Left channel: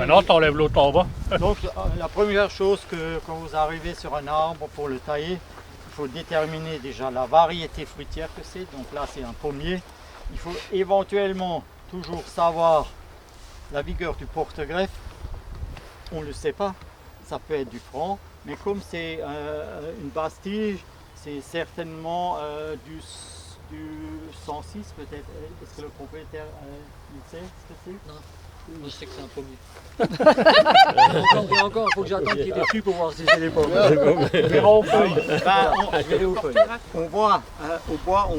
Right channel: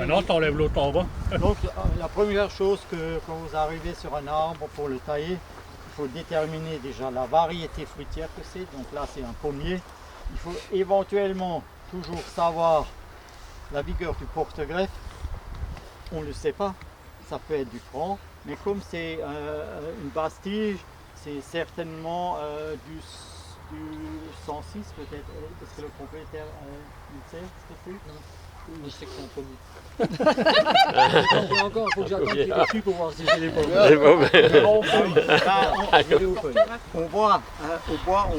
Maintenant, tu enlèves l'autre en bas. Donc la première chose quand vous arrivez sur un arbre pour le tailler, il faut déterminer déjà la variété fruitière que c'est. Donc là c'est un pommier. Il faut éventuellement toujours savoir la vigueur du porte-greffe. On ne le sait pas, ça peut être du franc, mais comme c'est une basse tige, c'est certainement du 106 peut-être. Est-ce que le propriétaire il sait ce que c'est? Non. Moi je sais que c'est un pommier. Et encore, il faut que j'attende qu'il est dessus pour voir si c'est les pommes. On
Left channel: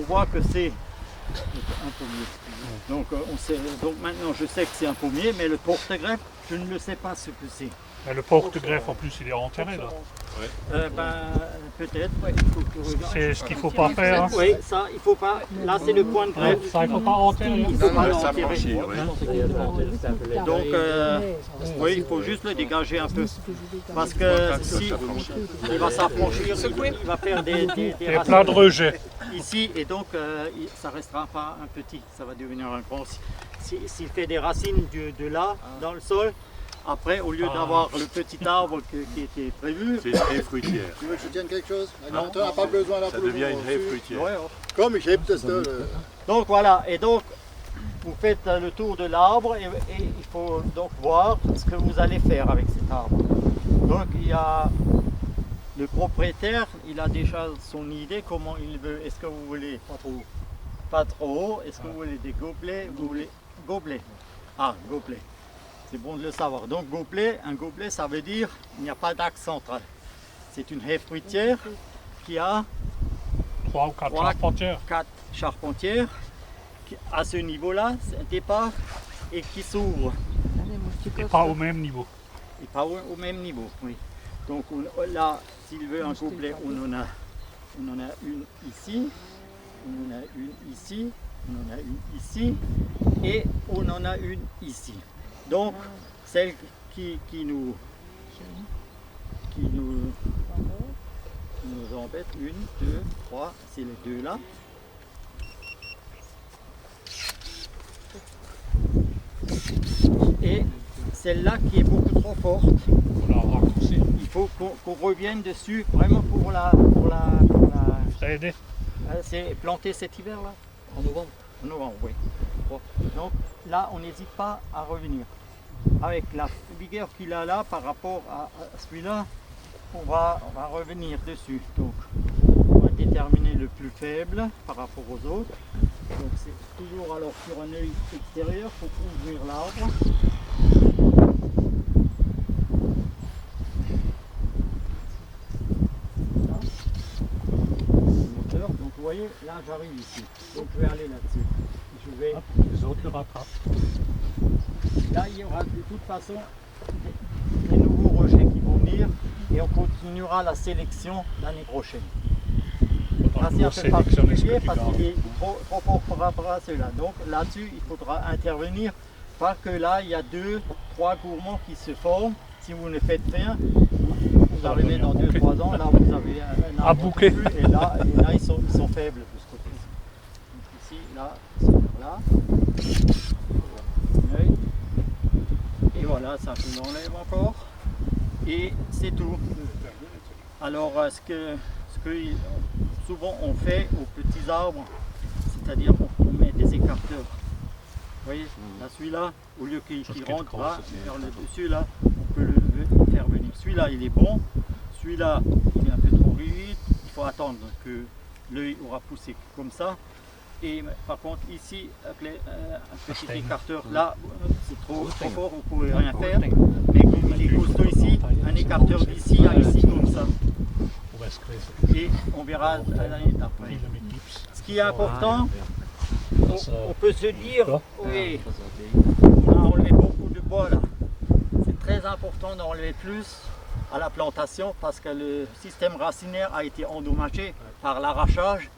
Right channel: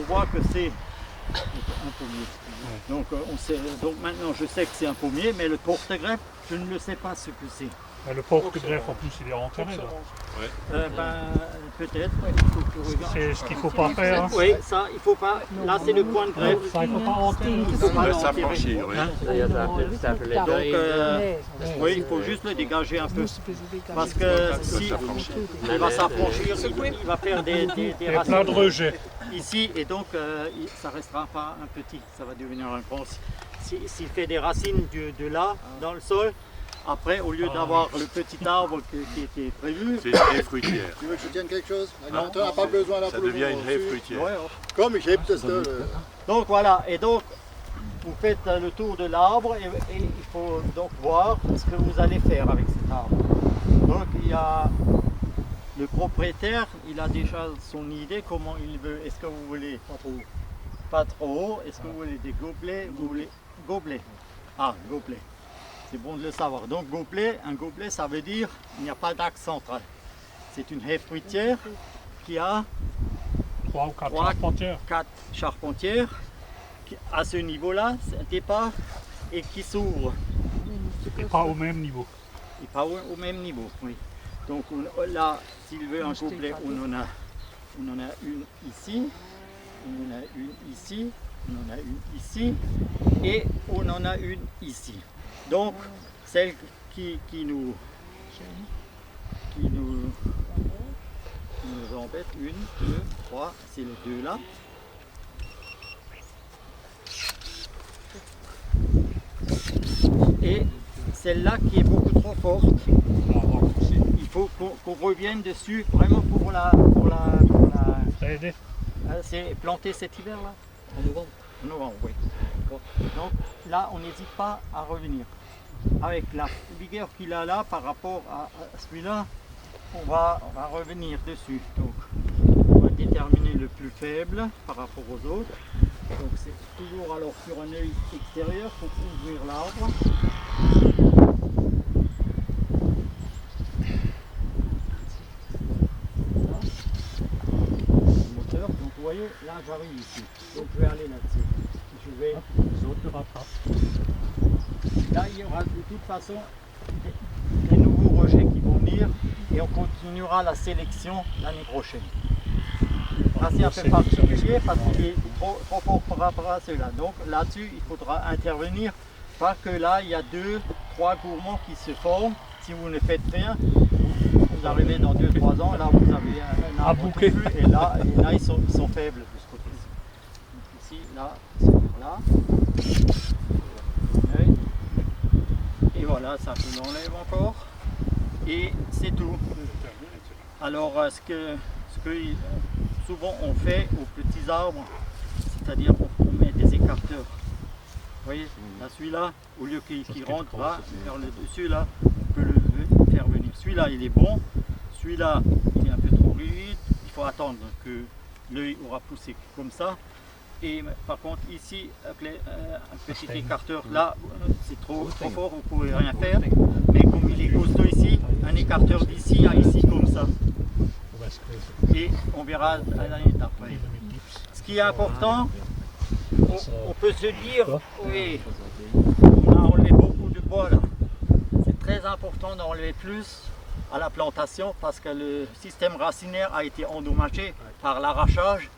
voit que c'est un pommier. Donc, donc maintenant je sais que c'est un pommier, mais le porte-greffe, je ne le sais pas ce que c'est. Le porte-greffe en plus il est enterré là. Peut-être, C'est ce qu'il ne faut pas faire. Hein. Oui, ça il faut pas. Là c'est le point de greffe. Ça il ne faut pas enterrer. Il faut pas l'enterrer. Donc oui, il faut juste le dégager un peu. Parce que si il va s'affranchir, il va faire des Il y a racines plein de rejets. ici et donc ça ne restera pas un petit, ça va devenir un grand. S'il fait des racines de là dans le sol, après, au lieu d'avoir le petit arbre qui était prévu... C'est une haie fruitière. Tu veux que je tienne quelque chose? On n'a pas besoin d'un Ça devient une haie fruitière. Ouais, Comme ich heb das da. donc voilà, et donc vous faites le tour de l'arbre et il faut donc voir ce que vous allez faire avec cet arbre. Donc il y a le propriétaire, il a déjà son idée comment il veut. Est-ce que vous voulez pas trop haut? Est-ce que vous voulez des gobelets? Vous voulez gobelets? Ah, gobelets. C'est bon de le savoir. Donc un gobelet, ça veut dire il n'y a pas d'axe central. C'est une haie fruitière qui a 3 ou 4 charpentières. 4 charpentières qui, à ce niveau-là, c'est un départ et qui s'ouvre. Et pas au même niveau. Et pas au même niveau, oui. Donc là, s'il veut un gobelet, on en a une ici, on en a une ici, on en a une ici et on en a une ici. Donc, celle qui nous embête, 1, 2, 3, c'est les deux là. Et celle-là qui est beaucoup trop forte, il faut qu'on revienne dessus vraiment pour la aider. c'est planter cet hiver là. En novembre. En novembre, oui. Donc là, on n'hésite pas à revenir. Avec la vigueur qu'il a là par rapport à celui-là, on va revenir dessus. Donc on va déterminer le plus faible par rapport aux autres. Donc c'est toujours alors sur un œil extérieur pour ouvrir l'arbre. Là, le moteur. Donc vous voyez, là j'arrive ici. Donc je vais aller là-dessus. Je vais... Les autres le rattrapent. Là, il y aura de toute façon des nouveaux rejets qui vont venir et on continuera la sélection l'année prochaine. Là, c'est un peu particulier parce qu'il est trop fort par rapport à ceux-là. Donc là-dessus, il faudra intervenir parce que là, il y a 2, 3 gourmands qui se forment. Si vous ne faites rien, vous arrivez dans 2-3 ans, là vous avez un arbre touffu, et là ils sont faibles de ce côté-ci. Donc ici, là, c'est là. Et voilà, ça je l'enlève encore. Et c'est tout. Alors ce que souvent on fait aux petits arbres, c'est-à-dire on met des écarteurs. Vous voyez, là celui-là, au lieu qu'il rentre là, vers le dessus là, on peut le faire venir. Celui-là il est bon, celui-là il est un peu trop rigide, il faut attendre que l'œil aura poussé comme ça. Et par contre ici, avec un petit écarteur là, c'est trop fort, vous ne pouvez rien faire. Mais comme il est costaud ici, un écarteur d'ici à ici comme ça. Et on verra à l'année d'après. Ce qui est important, on peut se dire, oui, on a enlevé beaucoup de bois là. C'est très important d'enlever plus à la plantation parce que le système racinaire a été endommagé par l'arrachage.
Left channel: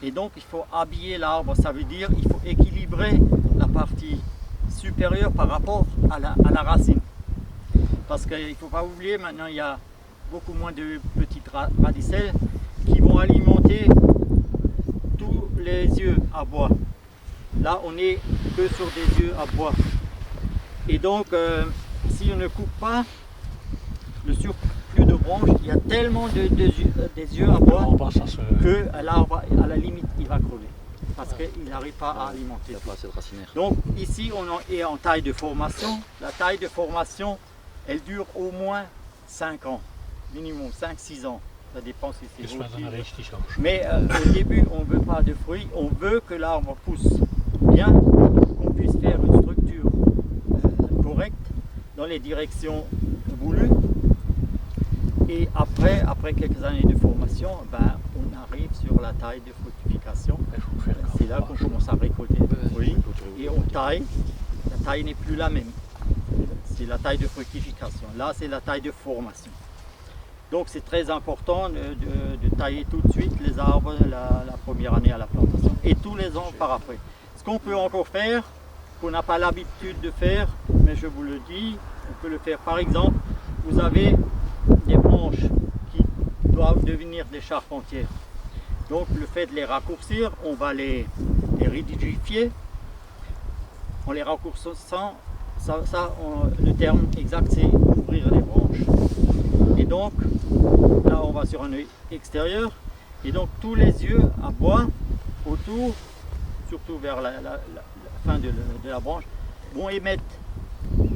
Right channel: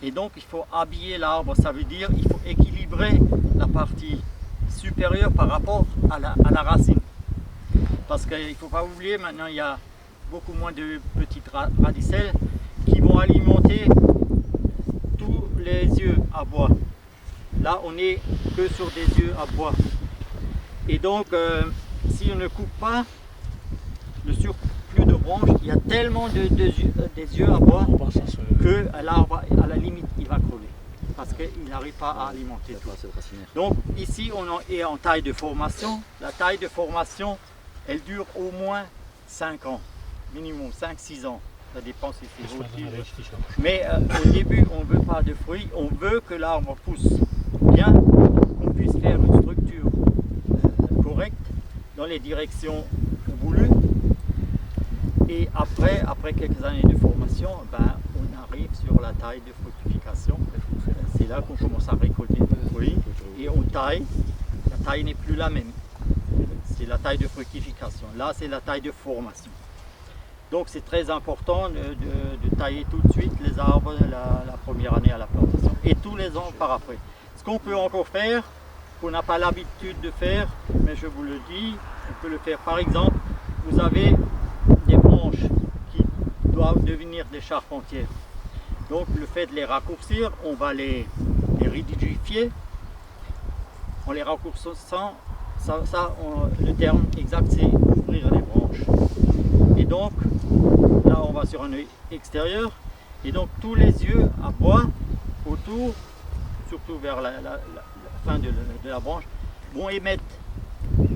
Et donc il faut habiller l'arbre, ça veut dire qu'il faut équilibrer la partie supérieure par rapport à la racine. Parce qu'il ne faut pas oublier, maintenant il y a beaucoup moins de petites radicelles qui vont alimenter tous les yeux à bois. Là on n'est que sur des yeux à bois. Et donc si on ne coupe pas le surplus de branches, il y a tellement des yeux à bois On passe à ce... que l'arbre, à la limite, il va crever. Parce qu'il n'arrive pas à alimenter Il n'y a tout. pas assez de racinaire. Donc ici, on est en taille de formation. La taille de formation, elle dure au moins 5 ans. Minimum 5-6 ans. Ça dépend si c'est Dus met rôti. een rechtstich ook. Mais au début, on ne veut pas de fruits, on veut que l'arbre pousse bien, qu'on puisse faire une structure correcte dans les directions voulues. Et après quelques années de formation, ben, on arrive sur la taille de fructification. C'est là qu'on commence à récolter des fruits et on taille. La taille n'est plus la même. C'est la taille de fructification. Là, c'est la taille de formation. Donc c'est très important de tailler tout de suite les arbres la première année à la plantation et tous les ans par après. Ce qu'on peut encore faire, qu'on n'a pas l'habitude de faire, mais je vous le dis, on peut le faire. Par exemple, vous avez des branches qui doivent devenir des charpentières. Donc le fait de les raccourcir, on va les rigidifier. En les raccourcissant, le terme exact c'est ouvrir les branches. Et donc, là on va sur un œil extérieur, et donc tous les yeux à bois autour, surtout vers la fin de la branche, vont émettre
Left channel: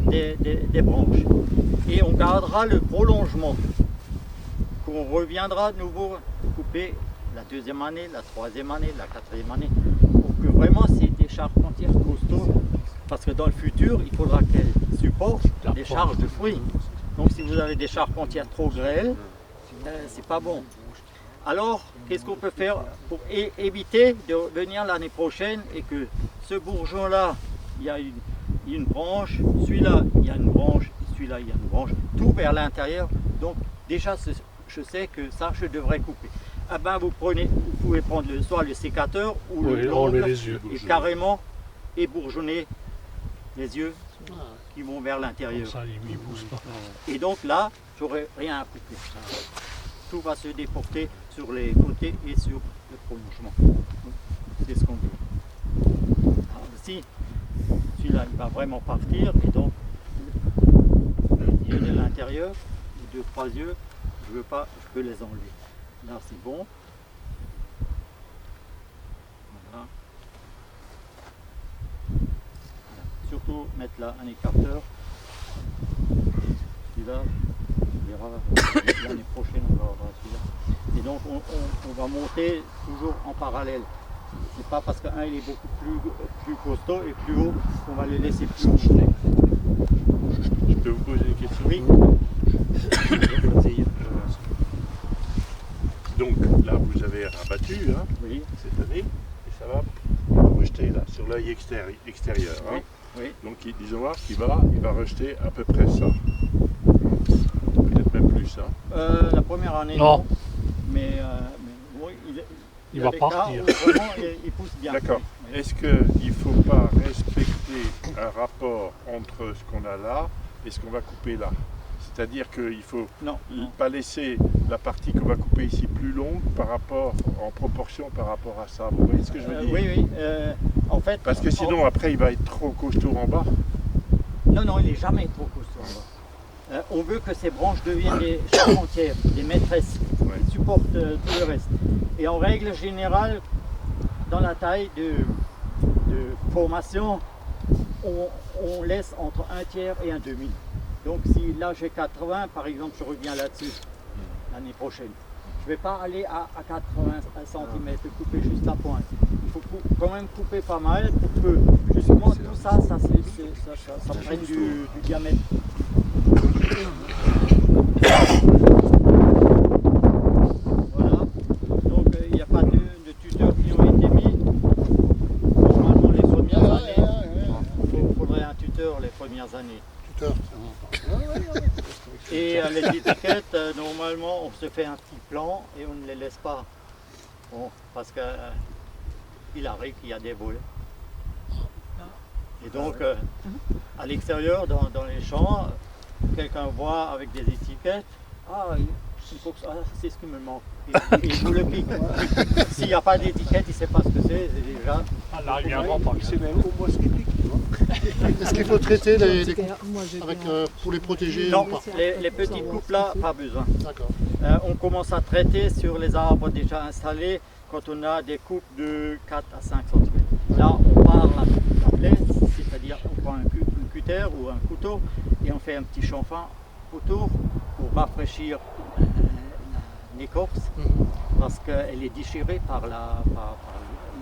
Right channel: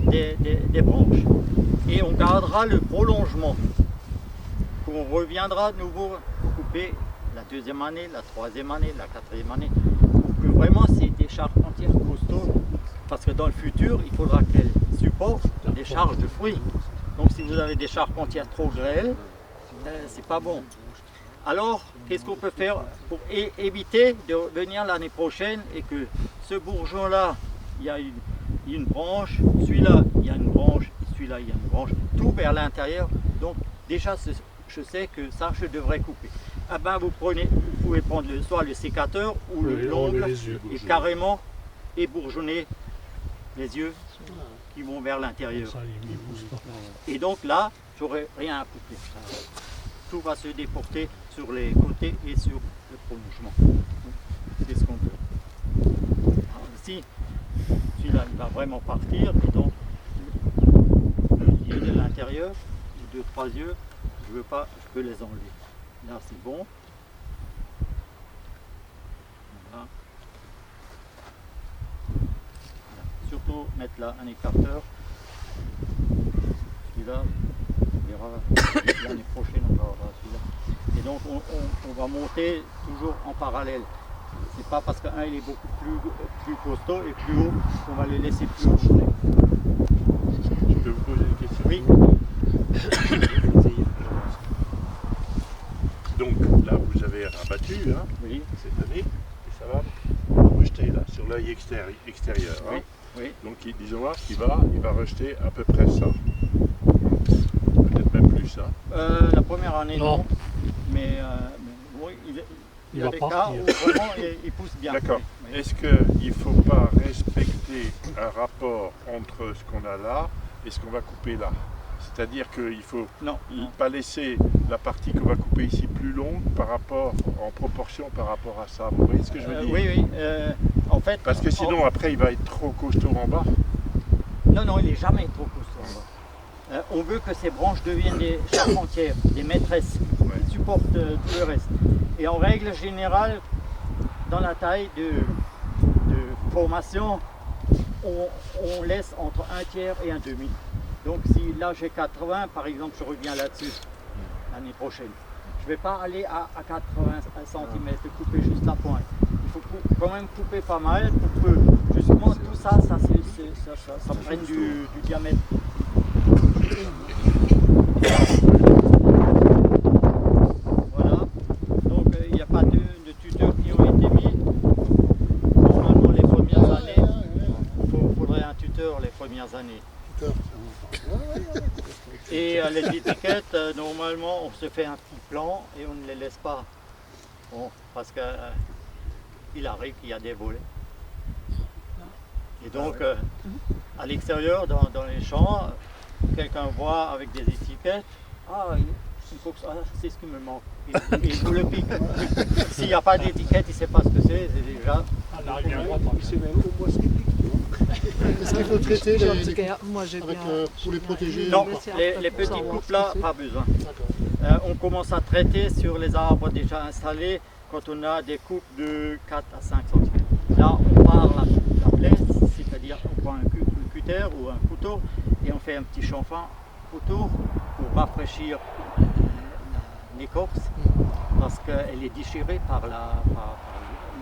des branches. Et on gardera le prolongement, qu'on reviendra de nouveau couper la deuxième année, la troisième année, la quatrième année, pour que vraiment c'est des charpentières costauds, parce que dans le futur, il faudra qu'elles supportent des charges de fruits. Donc si vous avez des charpentières trop grêles, c'est pas bon. Alors, qu'est-ce qu'on peut faire pour éviter de venir l'année prochaine et que ce bourgeon-là, il y a une branche, celui-là, il y a une branche, et celui-là, il y a une branche, tout vers l'intérieur. Donc déjà, je sais que ça, je devrais couper. Ah ben, vous pouvez prendre soit le sécateur ou le l'ongle et carrément ébourgeonner les yeux qui vont vers l'intérieur. Ça, il pousse pas. Et donc là, j'aurai rien à couper. Tout va se déporter sur les côtés et sur le prolongement. C'est ce qu'on veut. Alors ici, celui-là, il va vraiment partir et donc les yeux de l'intérieur, les 2-3 yeux, je veux pas, je peux les enlever. Là, c'est bon. Voilà. Surtout mettre là un écarteur. Celui-là, on verra l'année prochaine, on va avoir celui-là. Et donc on va monter toujours en parallèle. C'est pas parce qu'un il est beaucoup plus costaud et plus haut qu'on va le laisser plus haut. Je peux vous poser une question? Oui. Donc là vous avez rabattu hein, Oui. cette année et ça va rejeter là sur l'œil extérieur. Hein. Oui. Oui. Donc disons voir qu'il va rejeter à peu près ça. Peut-être même plus. Hein. La première année Non. non. Mais oui, il y a va des cas partir. où vraiment il pousse bien. D'accord. Oui, oui. Est-ce qu'il ne faut pas respecter un rapport entre ce qu'on a là et ce qu'on va couper là? C'est-à-dire qu'il ne faut Non. pas laisser la partie qu'on va couper ici plus longue en proportion par rapport à ça. Vous voyez ce que je veux dire? Oui, oui. En fait. Parce que sinon après il va être trop costaud en bas. Non, il n'est jamais trop costaud en bas. On veut que ces branches deviennent des charpentières, des maîtresses, Ouais. qui supportent tout le reste. Et en règle générale, dans la taille de formation, on laisse entre 1/3 et 1/2. Donc si là j'ai 80, par exemple, je reviens là-dessus l'année prochaine. Je ne vais pas aller à 80 cm, couper juste la pointe. Il faut quand même couper pas mal pour que justement tout ça prenne du diamètre. Voilà. Donc il n'y a pas de tuteurs qui ont été mis. Normalement les premières années, il faudrait un tuteur les premières années. Tuteur. Et les étiquettes, normalement, on se fait un petit plan et on ne les laisse pas. Bon, parce que il arrive qu'il y a des volets. Et donc, à l'extérieur, dans les champs, quelqu'un voit avec des étiquettes, ah, c'est ce qui me manque. Il vous le pique. S'il n'y a pas d'étiquette, il ne sait pas ce que c'est déjà. Ah, là, il y a un grand pas. C'est même au moins ce qui pique, tu vois. Est-ce qu'il faut traiter les Moi, j'ai avec, bien. pour les protéger Non, ou pas? les petits couples là, pas besoin. D'accord. On commence à traiter sur les arbres déjà installés quand on a des coupes de 4 à 5 cm. Là, on part la plaie, c'est-à-dire on prend un cutter ou un couteau et on fait un petit chanfrein autour pour rafraîchir l'écorce parce qu'elle est déchirée par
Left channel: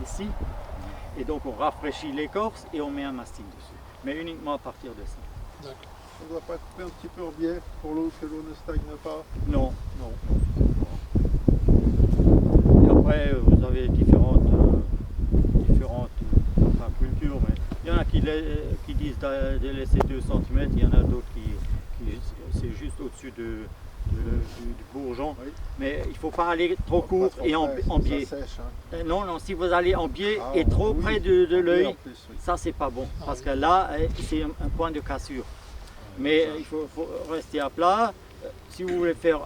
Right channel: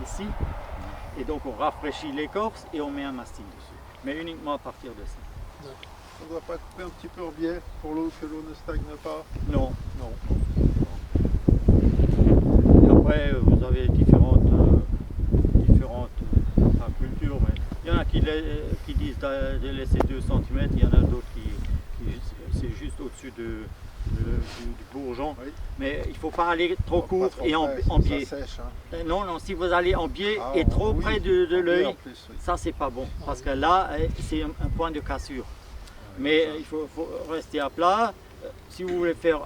ici. Et donc on rafraîchit l'écorce et on met un mastic dessus. Mais uniquement à partir de ça. On ne doit pas couper un petit peu en biais pour l'eau, que l'eau ne stagne pas. Non, non, non. Et après, vous avez différentes cultures, mais il y en a qui disent de laisser 2 cm, il y en a d'autres qui c'est juste au-dessus du bourgeon. Oui. Mais il ne faut pas aller trop court Pas trop et en près, biais. Ça sèche, hein. Non, non, si vous allez en biais Ah, et trop oui. près de En l'œil, plus, oui. ça c'est pas bon, parce que là c'est un point de cassure. Mais il faut rester à plat. Si vous voulez faire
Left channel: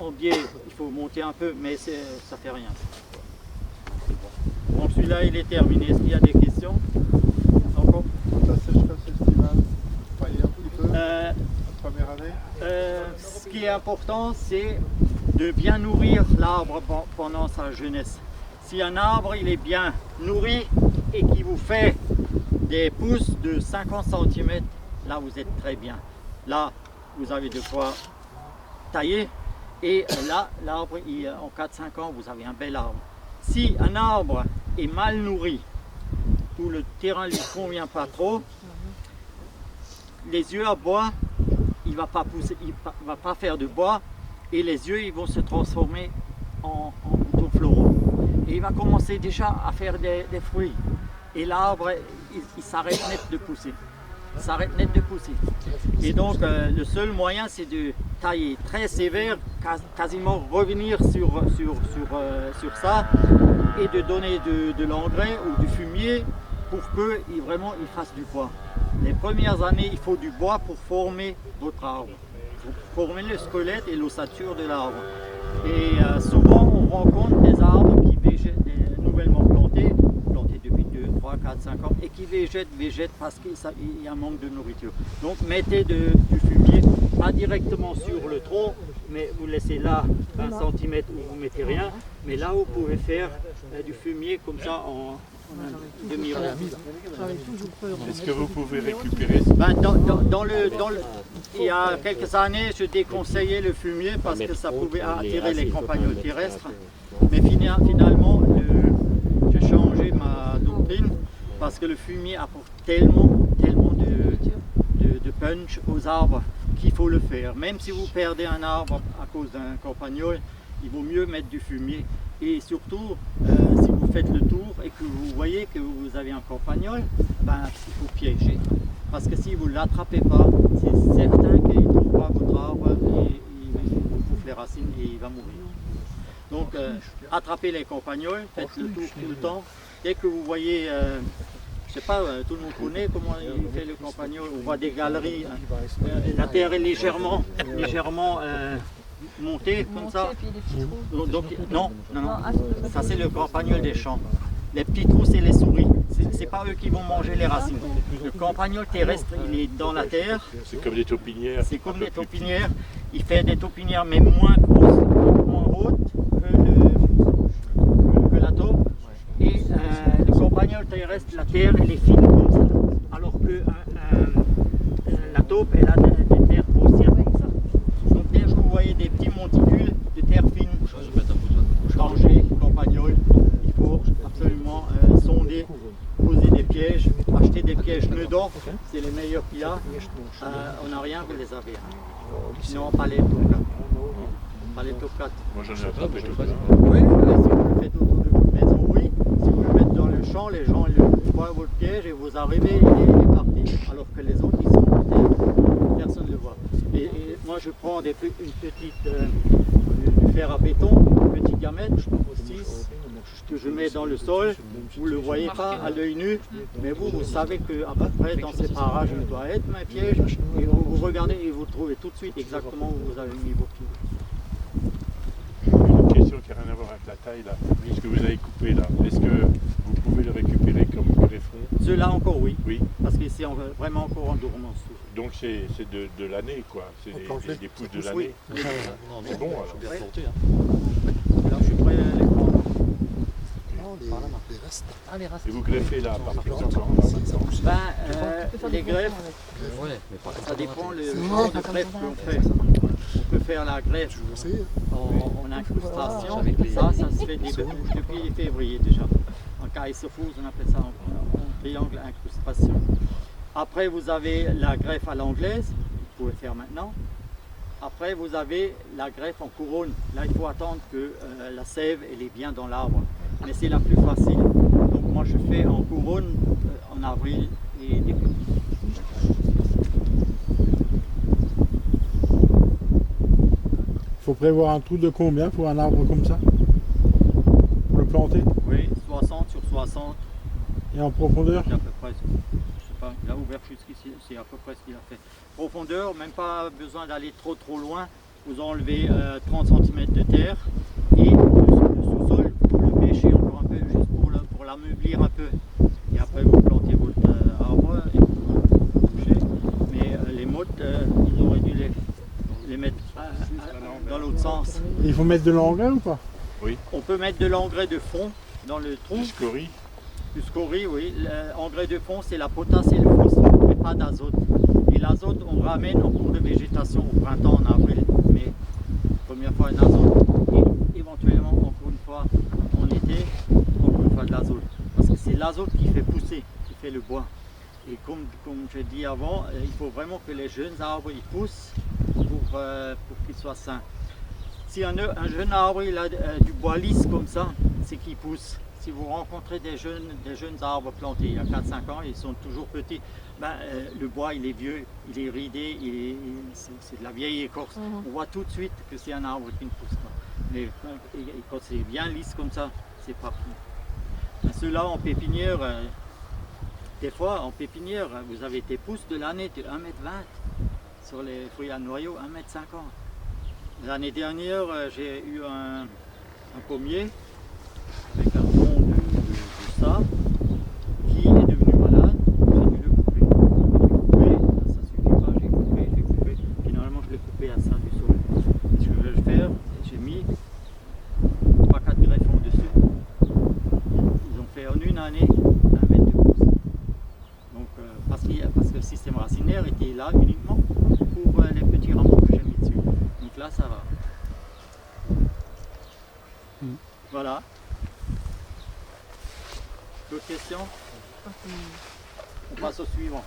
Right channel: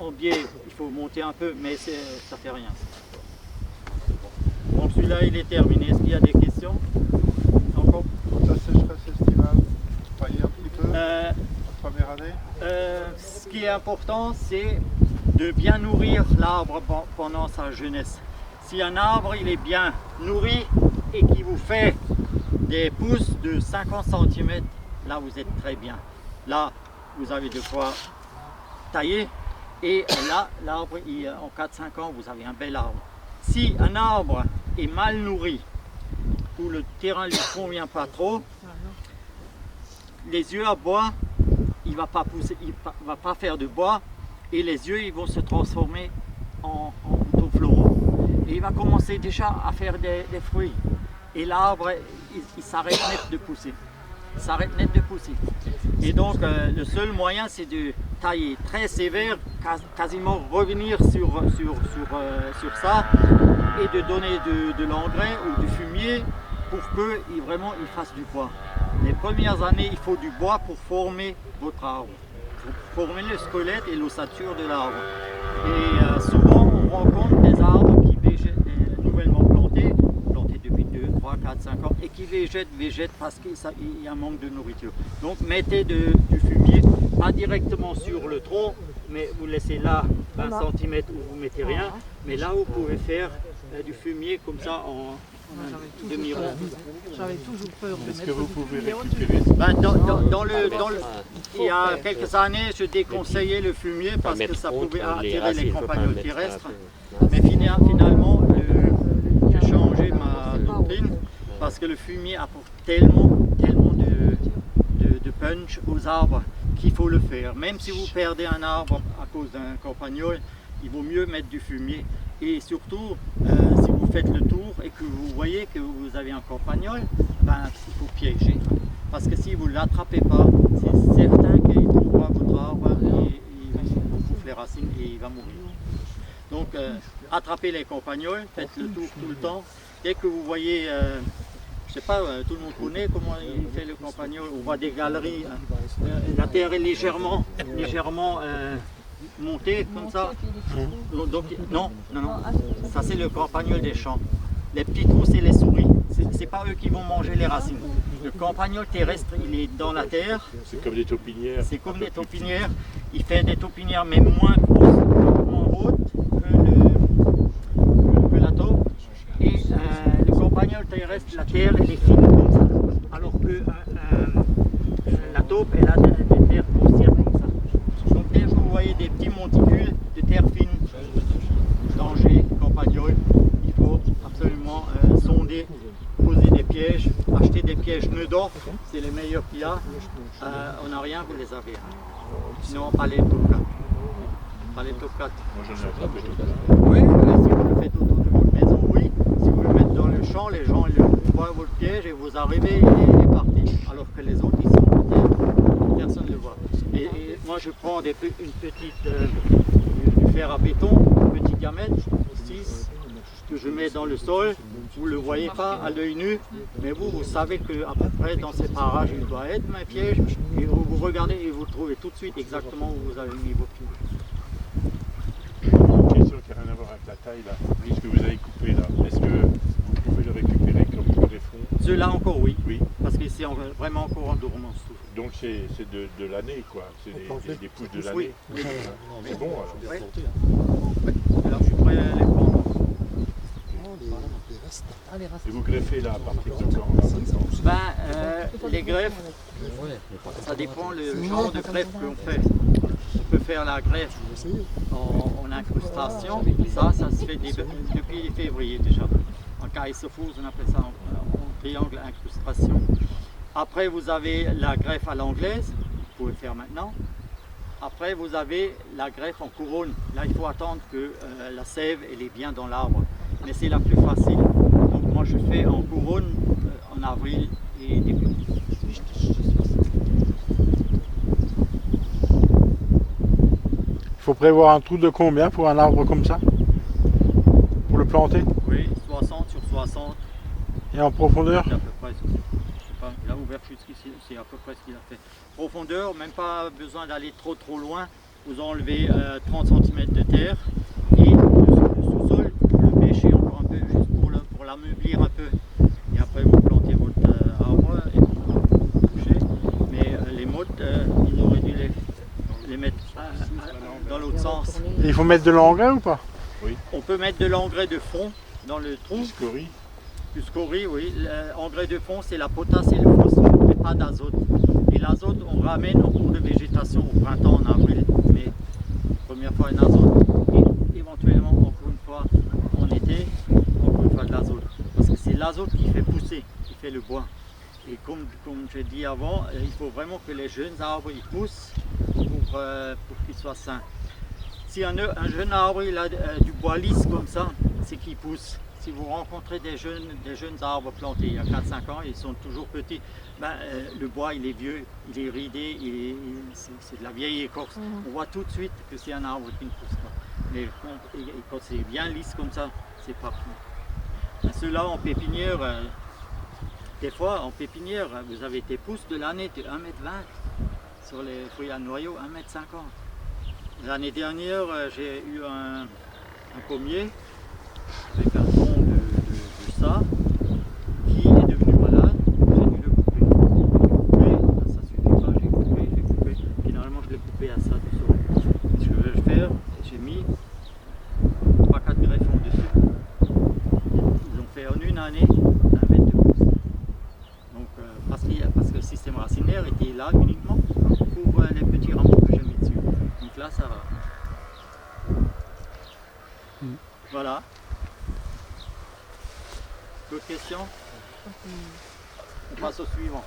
en biais, il faut monter un peu, mais ça fait rien. Bon, celui-là il est terminé. Est-ce qu'il y a des questions encore? Quand la sécheresse estivale, pailler un petit peu, Euh, la première année. Ce qui est important, c'est de bien nourrir l'arbre pendant sa jeunesse. Si un arbre il est bien nourri et qui vous fait des pousses de 50 cm, là vous êtes très bien. Là, vous avez de quoi tailler et là, l'arbre, en 4-5 ans, vous avez un bel arbre. Si un arbre est mal nourri ou le terrain ne lui convient pas trop, les yeux à bois, il ne va pas pousser, il va pas faire de bois et les yeux ils vont se transformer en boutons floraux. Et il va commencer déjà à faire des fruits. Et l'arbre, il s'arrête net de pousser. Il s'arrête net de pousser. Et donc le seul moyen c'est de tailler très sévère, quasiment revenir sur ça et de donner de l'engrais ou du fumier pour qu'il vraiment il fasse du bois. Les premières années, il faut du bois pour former votre arbre, pour former le squelette et l'ossature de l'arbre. Et souvent, on rencontre des arbres qui végètent, nouvellement plantés depuis 2, 3, 4, 5 ans, et qui végètent parce qu'il y a un manque de nourriture. Donc, mettez du fumier, pas directement sur le tronc, mais vous laissez là 20 cm où vous mettez rien, mais là, vous pouvez faire du fumier comme ça en demi-rond. J'avais toujours peur. Est-ce que vous pouvez récupérer Ben, il y a quelques années, je déconseillais le fumier parce que ça pouvait attirer les campagnols terrestres. Mais finalement, j'ai changé ma doctrine parce que le fumier apporte tellement de punch aux arbres qu'il faut le faire. Même si vous perdez un arbre à cause d'un campagnol, il vaut mieux mettre du fumier. Et surtout, si vous faites le tour et que vous voyez que vous avez un campagnol, ben, il faut piéger. Parce que si vous ne l'attrapez pas, c'est certain qu'il ne trouve pas votre arbre et il vous bouffe les racines et il va mourir. Donc, attrapez les campagnols, faites le tour tout le temps. Dès que vous voyez, je ne sais pas, tout le monde connaît comment il fait le campagnol, on voit des galeries, la terre est légèrement montée comme ça. Donc, non, ça c'est le campagnol des champs. Les petits trous, c'est les souris. C'est pas eux qui vont manger les racines. Le campagnol terrestre, il est dans la terre. C'est comme des taupinières. C'est comme des taupinières. Il fait des taupinières, mais moins grosses, moins hautes que la taupe. Et le campagnol terrestre, la terre, elle est fine comme ça. Alors que la taupe, elle a des terres grossières comme ça. Donc dès que vous voyez des petits monticules de terre fine, danger, campagnol, il faut absolument sonder, poser des pièges, acheter des pièges Neudorf, c'est les meilleurs qu'il y a. On n'a rien, vous les avez. Sinon, pas les top 4. Pas les top 4. Moi j'en ai attrapé tout ça. Oui, si vous le faites autour de votre maison, oui. Si vous le mettez dans le champ, les gens ils voient votre piège et vous arrivez, il est parti. Alors que les autres, ils sont en terre, personne ne le voit. Et moi, je prends une petite du fer à béton, petit diamètre, 6, que je mets dans le sol. Vous ne le voyez pas à l'œil nu, mais vous savez qu'à peu près dans ces parages, il doit être un piège. Et vous regardez et vous trouvez tout de suite exactement où vous avez mis vos pieds. question qui n'a rien à voir avec la taille là. Ce que vous avez coupé là, est-ce que vous pouvez le récupérer comme greffon? Ceux-là encore oui, Oui. parce que c'est vraiment encore en dormance. Donc c'est de l'année quoi, c'est des pousses de l'année. Oui. C'est bon alors. Bien Ouais. planté, hein. Là, je suis prêt à les prendre. Non, les restes. Ah, les races. Et vous greffez là à partir de quand là, maintenant? Ben, les greffes, Ouais, mais pas ça dépend le C'est genre bon. de greffe qu'on fait. On peut faire la greffe Je vais essayer. en incrustation. Ça se fait depuis février déjà. En Kaiserfuß, on appelle ça en triangle incrustation. Après, vous avez la greffe à l'anglaise, vous pouvez faire maintenant. Après, vous avez la greffe en couronne. Là, il faut attendre que la sève elle est bien dans l'arbre. Mais c'est la plus facile. Donc moi, je fais en couronne en avril et début. Il faut prévoir un trou de combien pour un arbre comme ça? Pour le planter? Oui, 60 sur 60, Et en profondeur? c'est à peu près. Je sais pas, il a ouvert jusqu'ici, c'est à peu près ce qu'il a fait. Profondeur, même pas besoin d'aller trop loin. Vous enlevez 30 cm de terre et le sous-sol, vous le bêchez encore un peu, juste pour l'ameublir un peu. Et après, vous plantez votre arbre et vous bouchez. Mais les mottes, ils auraient dû les mettre dans l'autre sens. Et il faut mettre de l'engrais ou pas? On peut mettre de l'engrais de fond dans le trou. Du scorie? Du scorie, oui. L'engrais de fond, c'est la potasse et le phosphore, mais pas d'azote. Et l'azote, on ramène en cours de végétation au printemps, en avril. Mais première fois un azote, et éventuellement encore une fois en été, encore une fois de l'azote. Parce que c'est l'azote qui fait pousser, qui fait le bois. Et comme j'ai dit avant, il faut vraiment que les jeunes arbres ils poussent pour qu'ils soient sains. Si un jeune arbre il a du bois lisse comme ça, c'est qu'il pousse. Si vous rencontrez des jeunes arbres plantés il y a 4-5 ans, ils sont toujours petits, le bois il est vieux, il est ridé, c'est de la vieille écorce. On voit tout de suite que c'est un arbre qui ne pousse pas. Mais quand c'est bien lisse comme ça, c'est parfait. Ceux-là en pépinière, des fois en pépinière, vous avez des pousses de l'année de 1,20 m. Sur les fruits à noyaux, 1,50 m. L'année dernière, j'ai eu un pommier avec un tronc de ça qui est devenu malade. J'ai dû le couper. J'ai coupé, ça ne suffit pas, j'ai coupé. Finalement, je l'ai coupé à ça du sol. Et ce que je vais faire, j'ai mis 3-4 greffons dessus. Ils ont fait en une année 1 mètre de pousse. Donc, parce que le système racinaire était là uniquement pour les petits rameaux que j'ai mis dessus. Donc là, ça va. Voilà. D'autres questions? On passe au suivant.